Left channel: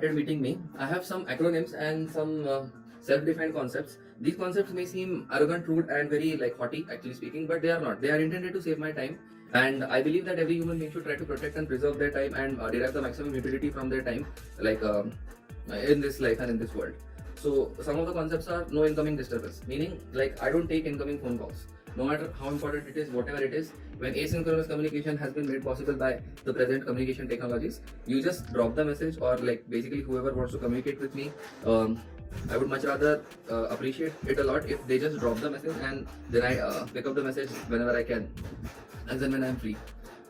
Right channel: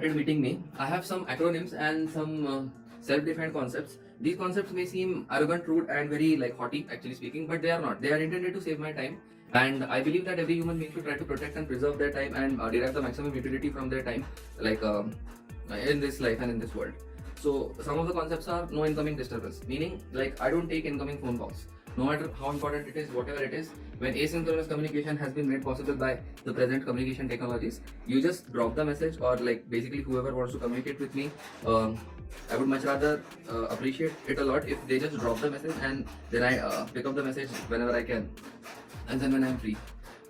started meeting me, I have some acronyms and some self-defined concepts. These concepts may seem arrogant, rude, and very like haughty, actually speaking, but they are not. They are intended to save my time, and I believe that every human being should try to protect and preserve their time and derive the maximum utility from their time, like in this life and in this world. So some of the concepts are no incoming disturbance, meaning like I don't take incoming phone calls. No matter how important it is, whatever it is, when asynchronous communication has been made possible by the present communication technologies, you just drop the message, or like basically whoever wants to communicate with me, I would much rather appreciate it a lot if they just drop the message and then I pick up the message whenever I can, and then when I'm free.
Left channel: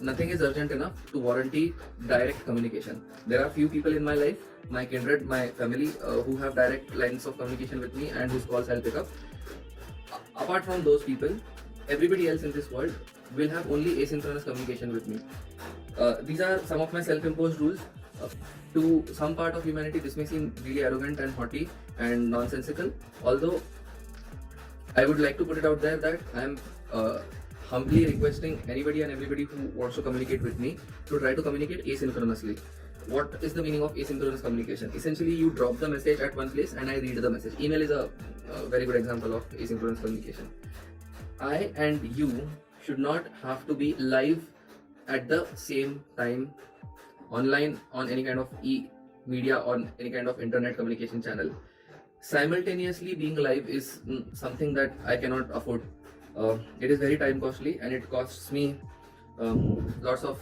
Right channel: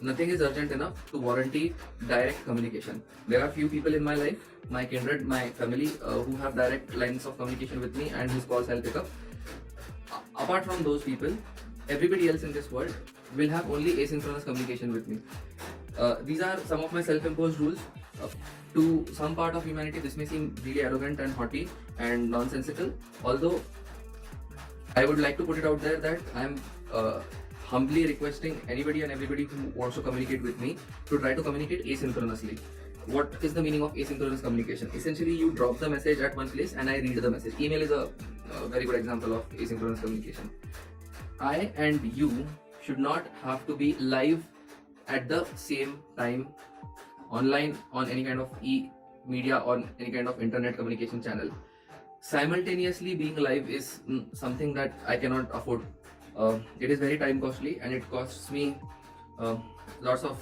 Nothing is urgent enough to warranty direct communication. There are few people in my life, my kindred, my family, who have direct lines of communication with me and whose calls I'll pick up. Apart from those people, everybody else in this world will have only asynchronous communication with me. These are some of my self-imposed rules. Uh, to some part of humanity, this may seem really arrogant and haughty and nonsensical. Although I would like to put it out there that I am humbly requesting anybody and everybody who wants to communicate with me to try to communicate asynchronously. What is the meaning of asynchronous communication? Essentially, you drop the message at one place and I read the message. Email is a very good example of asynchronous communication. I and you should not have to be live at the same time online on any kind of e-media, on any kind of internet communication channel. Simultaneously being live is something that I cannot afford. It is very time costly and it costs me lots of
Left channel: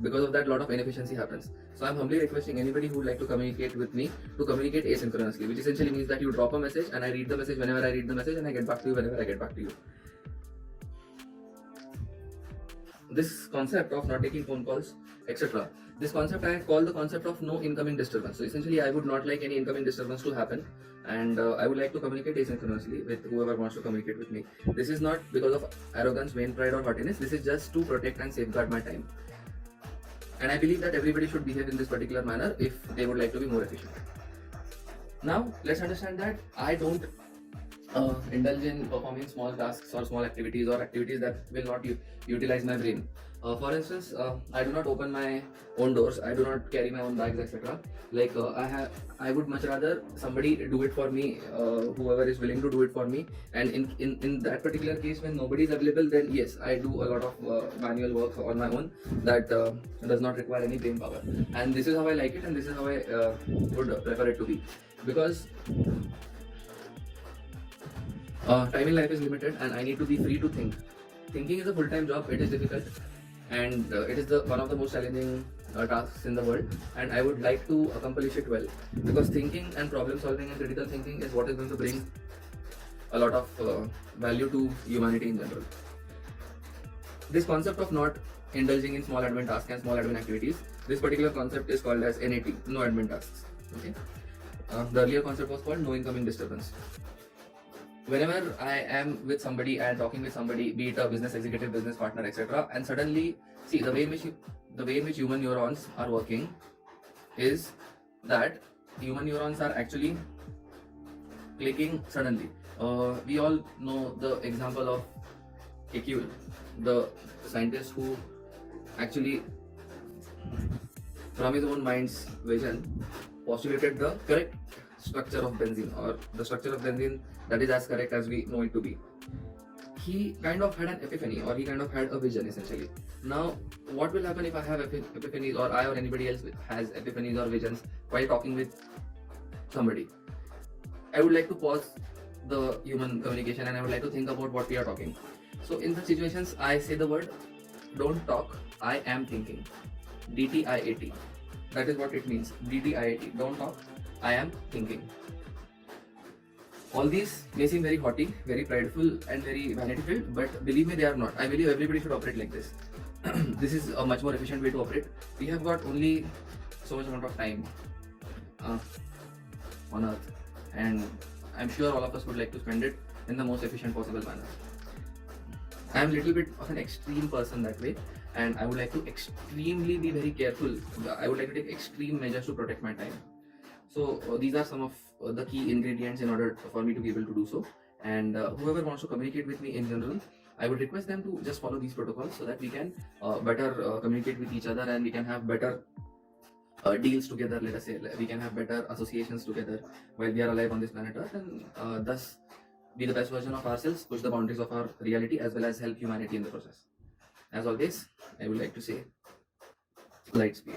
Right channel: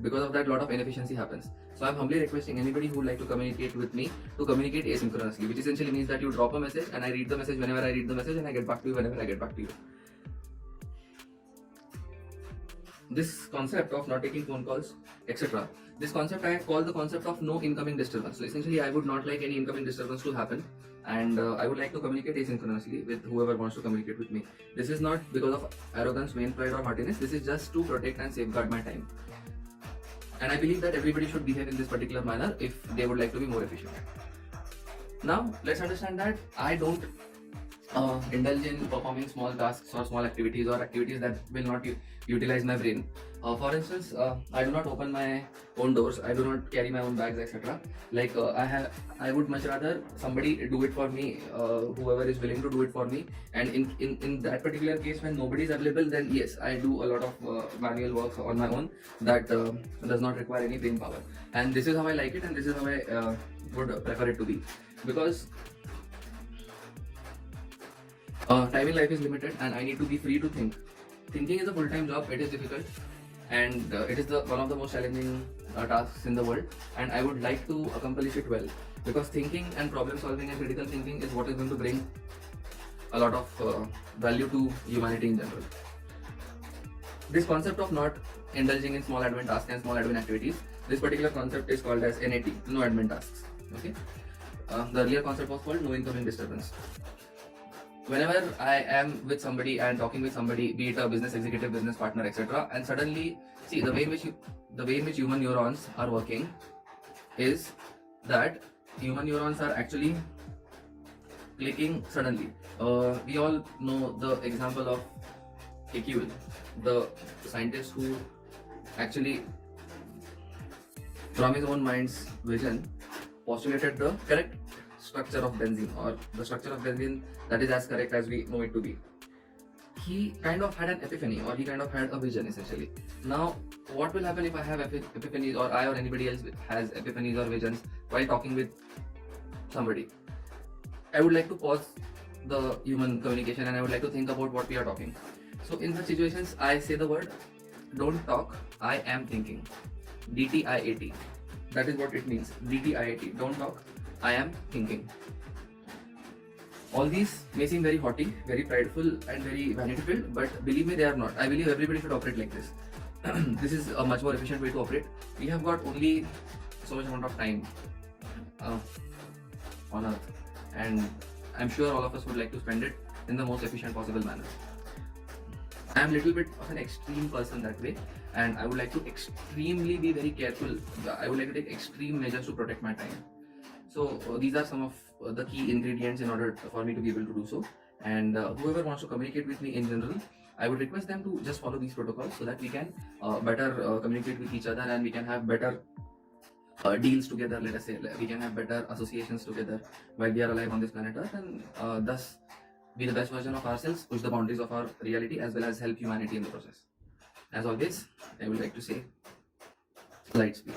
because of that lot of inefficiency happens. So I'm humbly requesting anybody who would like to communicate with me to communicate asynchronously, which essentially means that you drop a message and I read the message whenever I read the message and I get back to you whenever I get back to you. This concept of not taking phone calls, etc. This concept I call the concept of no incoming disturbance. So essentially I would not like any incoming disturbance to happen, and I would like to communicate asynchronously with whoever wants to communicate with me. This is not because of arrogance, vain pride or haughtiness. This is just to protect and safeguard my time. And I believe that everybody should behave in this particular manner if they would like to be more efficient. Now, let's understand that I don't indulge in performing small tasks or small activities or activities that will not utilize my brain. For instance, I do not open my own doors. I do not carry my own bags, etc. Like I would much rather somebody do it for me, whoever is willing to do it for me. And in that particular case, when nobody is available, then yes, I do a lot of manual work on my own that does not require any brain power. And this is how I like it, and this is how I would prefer it to be, because time in life is limited and I need to be free to think. Thinking is a full-time job. It is difficult and it is one of the most challenging tasks in the world, and I would like to accomplish it well, because thinking and problem solving and critical thinking is what is going to bring a lot of value to humanity in general. This concept of not indulging in small admin tasks and small admin activities, this particular concept is called as NAT, no admin tasks. Okay. The earlier concept was called no incoming disturbance. Whenever I am with somebody and talking with somebody, be it a business executive, business partner, etc., and suddenly see the way in which human neurons are working is that human neurons are actually clicking suddenly. We all know the example of Kekule, the scientist who actually, from his own mind's vision, postulated the correct structure of benzene, or the structure of benzene that is as correct as we know it to be. He kind of had an epiphany, or he kind of had a vision essentially. Now, what will happen if I have epiphanies, or I or anybody else has epiphanies or visions while talking with somebody? I would like to pause the human communication and I would like to think about what we are talking. So in such situations, I say the word, don't talk, I am thinking. DTIAT. That is what it means. DTIAT. Don't talk, I am thinking. All these may seem very haughty, very prideful and very vanity-filled, but believe me, they are not. I believe everybody should operate like this. This is a much more efficient way to operate. We have got only so much amount of time on earth, and I'm sure all of us would like to spend it in the most efficient possible manner. I'm a little bit of an extreme person that way, and I would like to extremely be very careful. I would like to take extreme measures to protect my time. So these are some of the key ingredients in order for me to be able to do so. And whoever wants to communicate with me in general, I would request them to just follow these protocols so that we can better communicate with each other and we can have better deals together. Let us say we can have better associations together while we are alive on this planet Earth, and thus be the best version of ourselves, push the boundaries of our reality, as well as help humanity in the process. As always, I would like to say, light speed.